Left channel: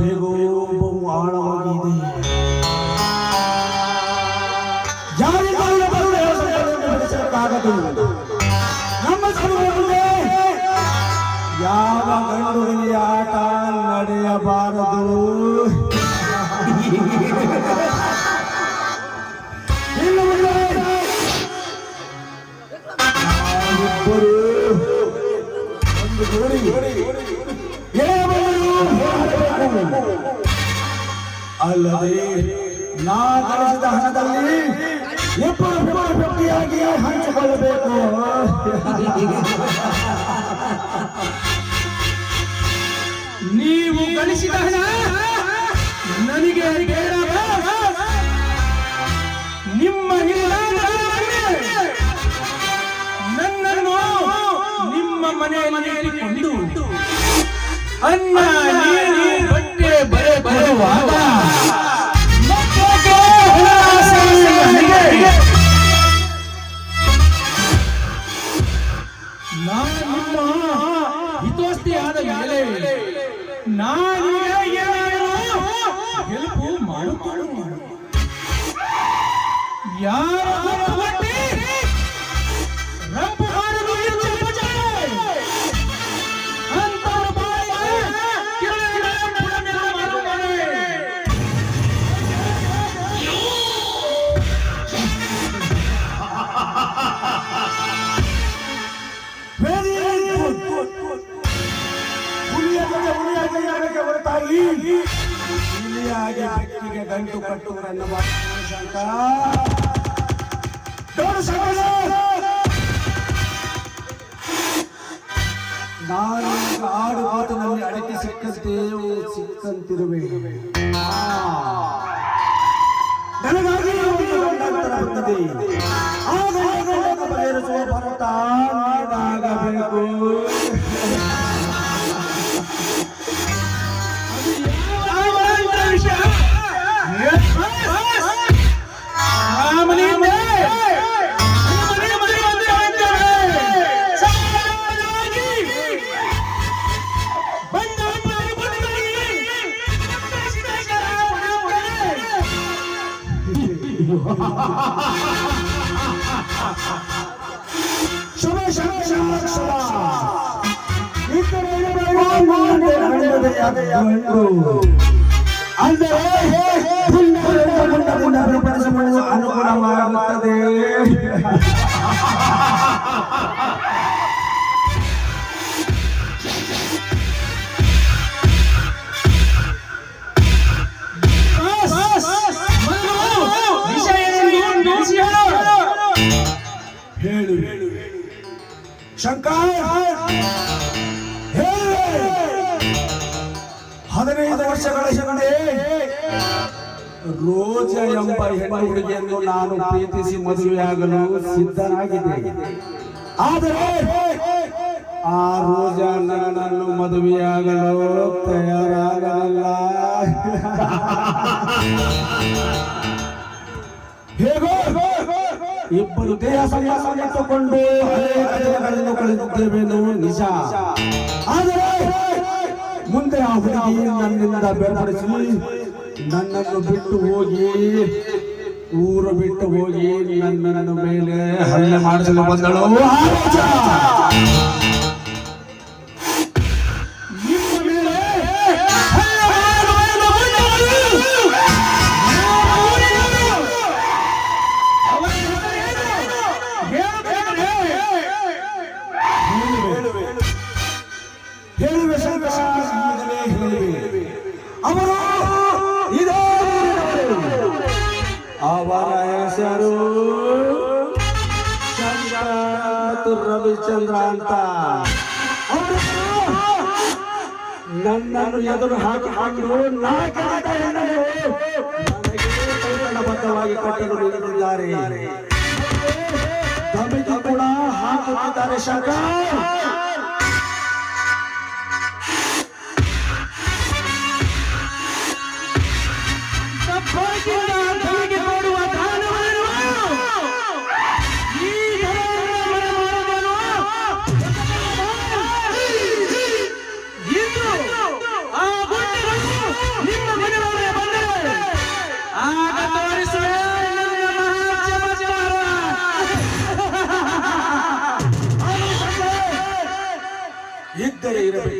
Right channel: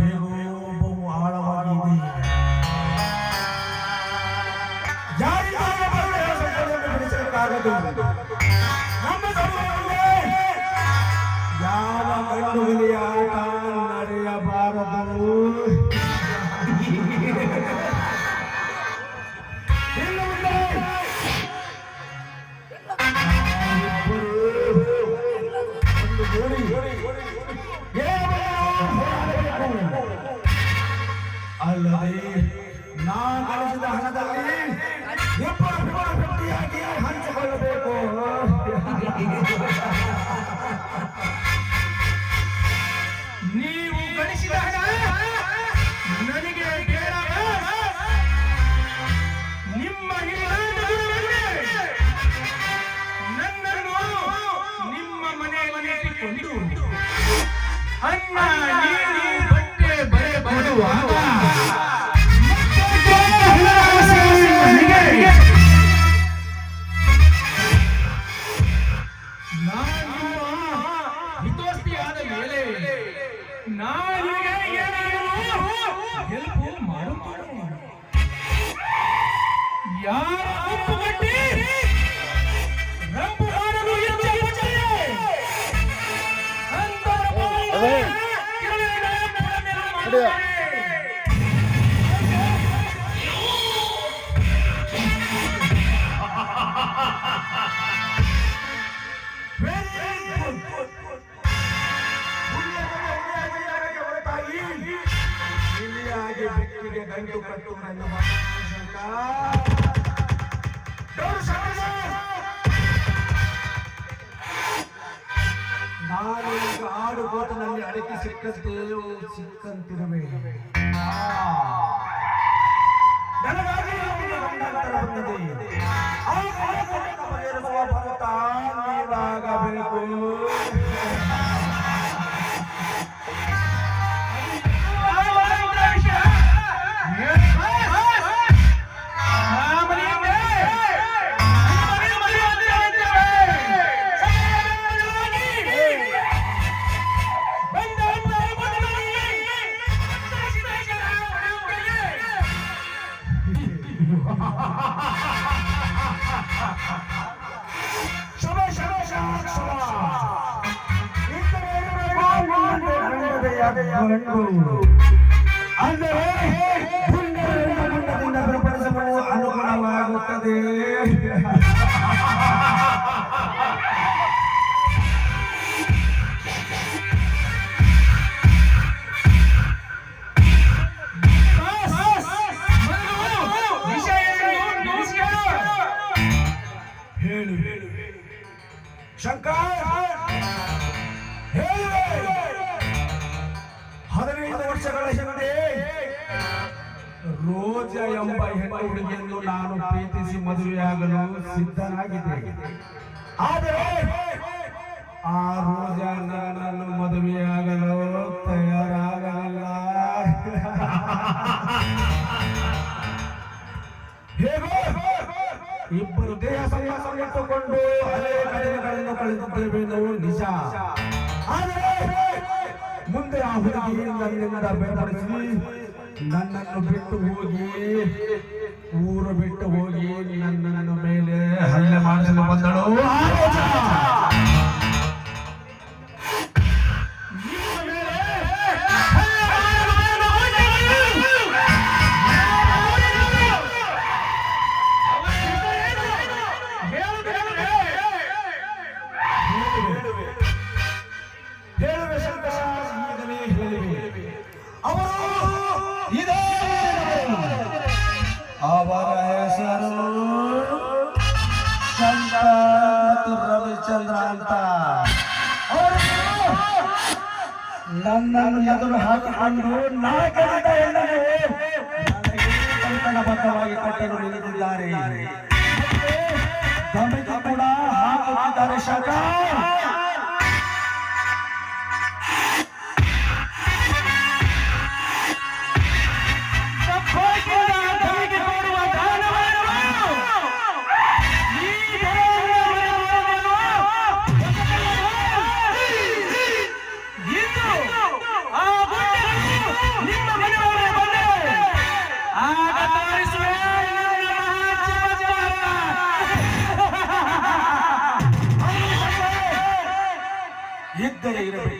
ಬೇಗೋ ಬಹು ಆಳವಾಗಿದೆ. ಯಾರಿಗಾಗಲೂ ಬಿಡಿಸಕ್ಕಾಗದು. ನಮ್ಮ ಸಮಯದಲ್ಲಿ ಯಾವ ಗಂಡು ಹುಲಿಯ ಆಟ ನಡೆಯಬಾರದು. ಇನ್ನು ಮುಂದೆ ನಾವಿಬ್ಬರು ಒಂದು ಜೋಡಿ ಅಲ್ಲದೆ ನಾ ಗಳಿಸಿದ ಹಣದಲ್ಲಿ ಇಬ್ಬರು ಪಟ್ಟಿಯಾಗಿ ಹಂಚಿಕೊಳ್ಳಬೇಕು. ನೀವು ಗಳಿಸಿದ ಹಣ ನನಗೆ ಬೇಡವೇ? ನಿಮ್ಮ ನನ್ನನ್ನು ನಿಮ್ಮ ಮನೆಯಲ್ಲಿ ಇಟ್ಟುಕೊಂಡು ಅನ್ನ ನೀರು ಬಟ್ಟೆ ಬರೆ ಬರುವಾಗ ನಾನು ನಿಮ್ಮ ಹಿತೋಸ್ತಿ ಆದ ಮೇಲೆ ನಾನು ಏನಾದರೂ ಹೆಲ್ಪ್ ಮಾಡುತ್ತೇನೆ. ಯಾರ ರಂಪು ಮಾಡುವುದು ಇಲ್ಲಿಯಾಗಿ ಬೆಕ್ಕಿಗೆ ಗಂಟು ಕಟ್ಟು ನನ್ನ ಶಂಕ ನಾನೀಗ ಆಡು ಮಾತಿನಲ್ಲಿ ಅಡಕೆ ಸಿಕ್ಕಂತಿರುವೆ. ನನಗಾಗಿ ಒಂದು ಗಂಡಾಂತರ ಬಂದಿದೆ. ಆ ಗಂಡನ್ನು ಬಗೆಹರಿಸುವ ಭರತ ನೀನಾಗಬೇಕು. ಅನುಕೂಲವಾಗುತ್ತದೆ. ಹೇಳು ಶಂಕರ್, 15 ವರ್ಷಗಳ ಹಿಂದೆ ರೋಜಾ ಎಂಬ ಹೆಣ್ಣು ಹುಡುಗಿಯನ್ನು ನಾನು ಪ್ರೀತಿಸಿ ಮದುವೆಯಾಗಲು ಸಿದ್ಧನಾಗಿದ್ದೆ. ಆದರೆ ಆ ರೋಜಾ ನನ್ನನ್ನು ಮದುವೆಯಾಗಲು ತಯಾರಾಗಲಿಲ್ಲ. ಹೇಗೋ ಇಬ್ಬರು ದೇಹ ಸಂಬಂಧವನ್ನು ಹಳೆಯ ಕಥೆಗಳನ್ನು ಕಳೆದಿದ್ದೇವೇನೋ ನಿಜ. ಆದರೆ ಮುಂದೆ ಆ ಹುಡುಗಿ ನನ್ನಿಂದ ಬೇರ್ಪಡಿಸಿ ನನ್ನನ್ನು ಬಿಟ್ಟು ಹೋಗಿ ಊರು ಬಿಟ್ಟು ಹೋಗಿ ನನ್ನ ಮೇಲೆ ಹಲ್ಲೆ ಮಾಡಿಸಲು ಬಂದಳು. ಅವರ ಹೆಸರು ರವಿಚಂದ್ರ ಅಂತ. ಅವರು ನನ್ನನ್ನು ಎದುರು ಹಾಕಿಕೊಂಡು ಬದ್ಧವಾಗಿ ಕಟ್ಟಲು ನಿಂತಿದ್ದಾರೆ. ಧಮಿಕಿ ಕೂಡ ಹಾಕುತ್ತಿದ್ದಾರೆ. ಶಂಕರ್,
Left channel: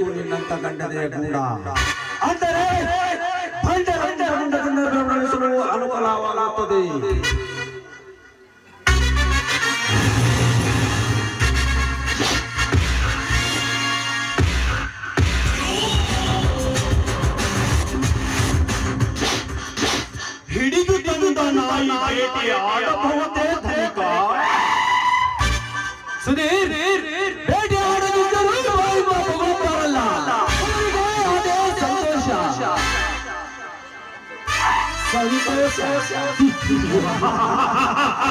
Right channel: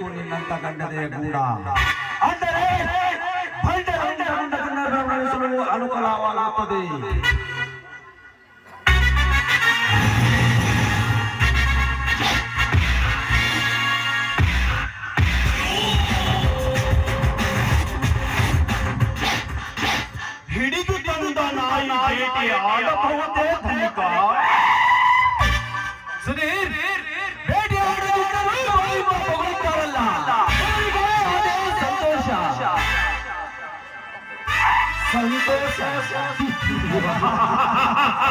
ಹಿಡಿಯಬೇಕು ನಿನ್ನಂತ ಗಂಡನೆಯ ಗೂಢ. ಅಂದರೆ ಬಂಡರನ್ನು ನಡೆಸಲು ಅನುಕೂಲವಾಗುತ್ತದೆ. ಹಿಡಿದು ತಂದ ನಾಯಿ ಬೇಟೆ ಆಡಬಹುದೇ ಧನಿಕ? ಸುಧೀರ್ ಬೇಟೆಯಾಡದಿದ್ದರೂ ಬಾಯಿ ಬರುತ್ತಾರಲ್ಲ, ಅದೇ ಸಂತೋಷ.